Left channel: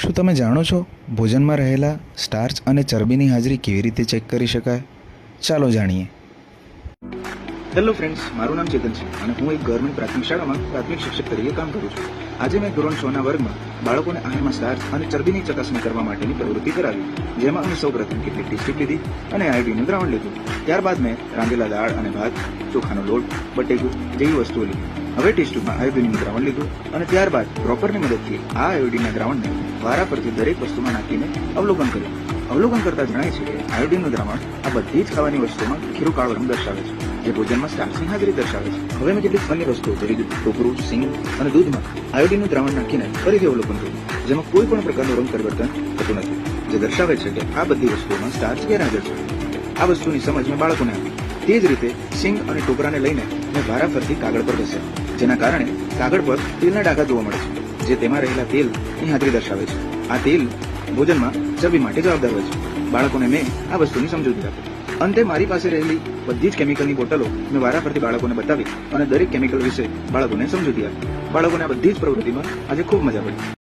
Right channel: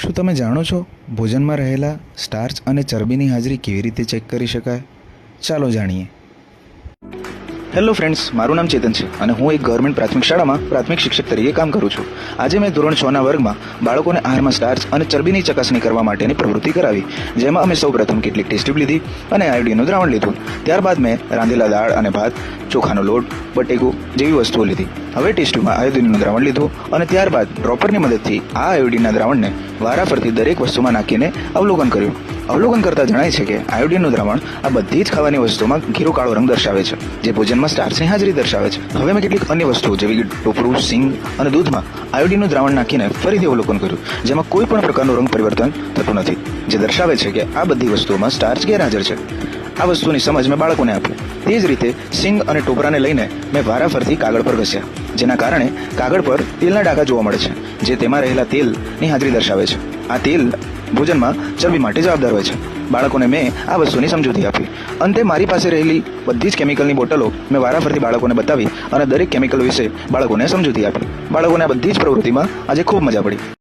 શું તમે જાણો છો ભોજનમાં રહેલા સ્ટાર્ચ અને ચરબીની હાજરી કેવી રીતે ચેક કરી શકાય? ચાલો જાણીએ. હેલો ફ્રેન્ડ્સ, મારું નામ ચેતન છે અને હું એક ગવર્મેન્ટ પ્રાથમિક શાળામાં પ્રાથમિક શિક્ષક તરીકે કામ કરું છું. આજે મેં ધોરણ 6ના વર્ગમાં બાળકોને આહારમાં સ્ટાર્ચ અને ચરબીની ચકાસણી કરવા માટેની પ્રવૃત્તિ કરાવી, જેમાં અમે સૌપ્રથમ કેટલીક ટેસ્ટ ટ્યુબ લીધી અને આયોડીનનું દ્રાવણ લીધું. ત્યારબાદ મેં રાંધેલા દાળ અને ભાત, ચોખાનો લોટ, બટેકું જેવી વસ્તુઓ લીધી. હવે ટેસ્ટ ટ્યુબમાં આયોડીનનું દ્રાવણ લીધું અને ત્યારબાદ ડ્રોપરની મદદથી આ આયોડીનના દ્રાવણને વારાફરતી દરેક વસ્તુમાં નાખીને અવલોકન કર્યું. અવલોકન કરતા જણાય છે કે આયોડીનનું દ્રાવણ આ બધી જ ખાવાની વસ્તુમાં ઘીરો કાળો રંગ દર્શાવે છે, જે ભોજનમાં સ્ટાર્ચની હાજરી દર્શાવે છે. હવે મેં કેટલીક અન્ય વસ્તુઓ જેવી કે ટોપરું, સિંગ અને દૂધમાં આયોડીનનું દ્રાવણ નાખીને ફરીથી અવલોકન કર્યું, જેમાં કોઈ પણ પ્રકારનું રંગ પરિવર્તન થતું નથી, જે દર્શાવે છે કે આ બધી વસ્તુઓમાં સ્ટાર્ચ ગેરહાજર છે. આ વસ્તુની સમજ મેં બાળકોને આપી. તે જ રીતે સિંગ અને ટોપરાને લઈને મેં વારાફરતી કાગળ પર ઘસ્યા, જેના કારણે કાગળ પર તેલના ડાઘા જોવા મળે છે, જે તેમાં રહેલા તેલની હાજરી દર્શાવે છે. આ તેલ ભોજનમાં ચરબી માટે જવાબદાર હોય છે. બાળકોને મેં આ વસ્તુની સમજૂતી આપી. અંતે મારી પાસે રહેલી બધી જ કેમિકલની બોટલો મેં વારાફરતી બાળકોને બતાવી અને દરેક કેમિકલ વિશે બાળકોને સમજૂતી આપી. બાળકોને આ બધી જ પ્રવૃત્તિમાં આજે ખૂબ મજા પડી.